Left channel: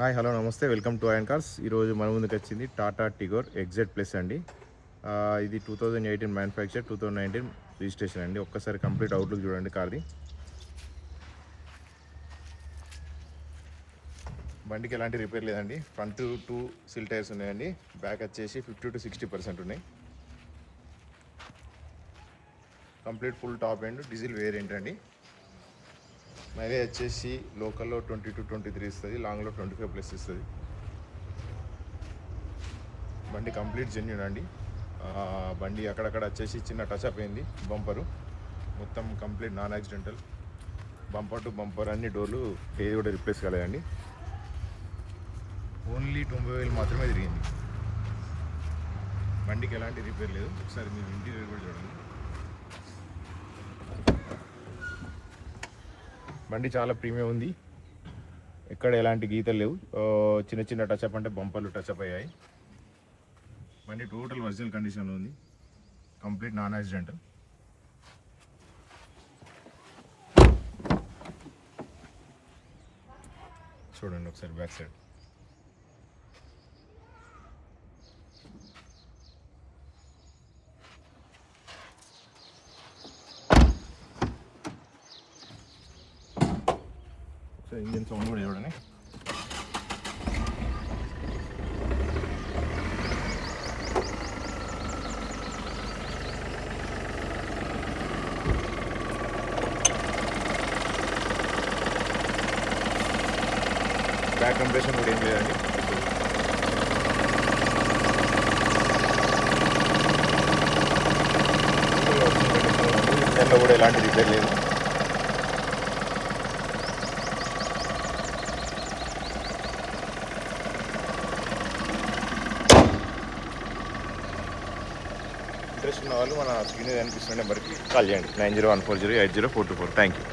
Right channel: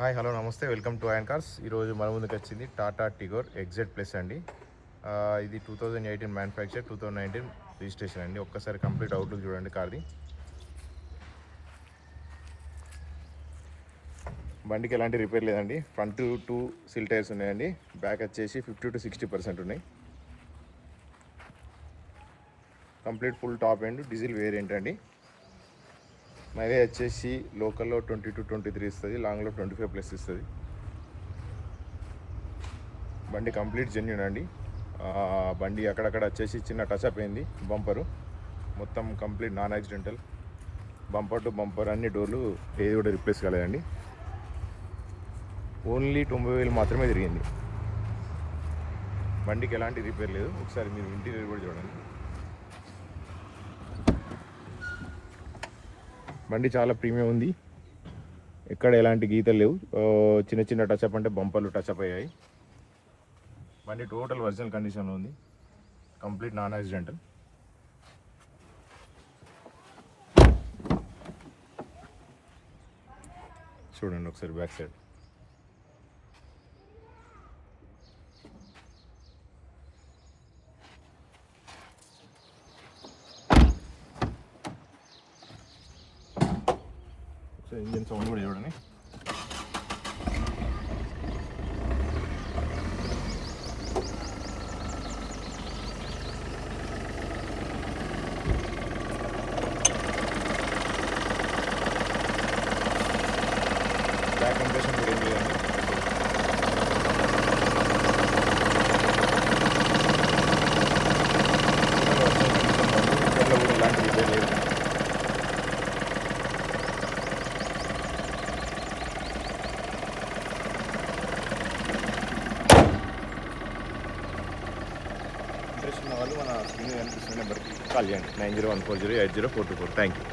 Hi hello నమస్తే welcome to IN cars. ఈరోజు మన ముందుకు వచ్చింది టాటా టిగోర్ ఎగ్జెడ్ ప్లస్ అండి. ఇది 2018 మ్యానుఫ్యాక్చర్, 2019 రిజిస్ట్రేషన్ అండి. ఒక్కసారి కంప్లీట్ అవుట్లుక్ చూడండి కార్ది. బండికి ఎలాంటి రిపేర్ లేదండి. ఫ్రంట్ 2 సిల్ టైర్స్ ఉన్నాయండి. బ్యాక్ వచ్చేసి 50 to 60% ఉన్నాయి. Complete full top end diesel variant అండి. మైలేజ్ వచ్చేసి లోకల్లో 20 to 23 ఇస్తుంది, లాంగ్లో 25+ ఇస్తుంది. బండి కంప్లీట్ జెన్యూన్ అండి. బండి అక్కడక్కడ వచ్చేసి చిన్న టచ్అప్ అయింది. బంపరు మొత్తం complete non accidental. Bumper to bumper అన్ని డోర్లు ఏది కూడా రిప్లేస్ కాలేదండి. ఓన్లీ 90,000 మాత్రమే తిరిగింది. బండికి ఎలాంటి రిపేర్ లేదు. ఒకసారి మీరు ఇంటీరియర్ కూడా చూడండి. బండి చాలా ప్రీమియం ఉంది. ఎక్కడ ఎలాంటి గీతలు లేవు. చిన్న చిన్న టచ్అప్ అంటే బంపర్లు టచ్అప్ అయ్యాయి. బండి టోటల్ ఒరిజినల్ కండిషన్లో ఉంది. Complete non accidental. చూడండి ఒకసారి బ్యాక్ సైడ్. ఇంజన్ సౌండ్ కూడా చూడండి. బ్యాక్ కంప్రెషన్ కూడా ఏం లేదండి. కూడా ఎలాంటి రిపేర్ లేదు. ఇంట్రెస్ట్ ఉన్న వాళ్ళు మన స్క్రీన్ కనిపిస్తున్న నెంబర్కి కాల్ చేయండి. 9014080424. Thank you.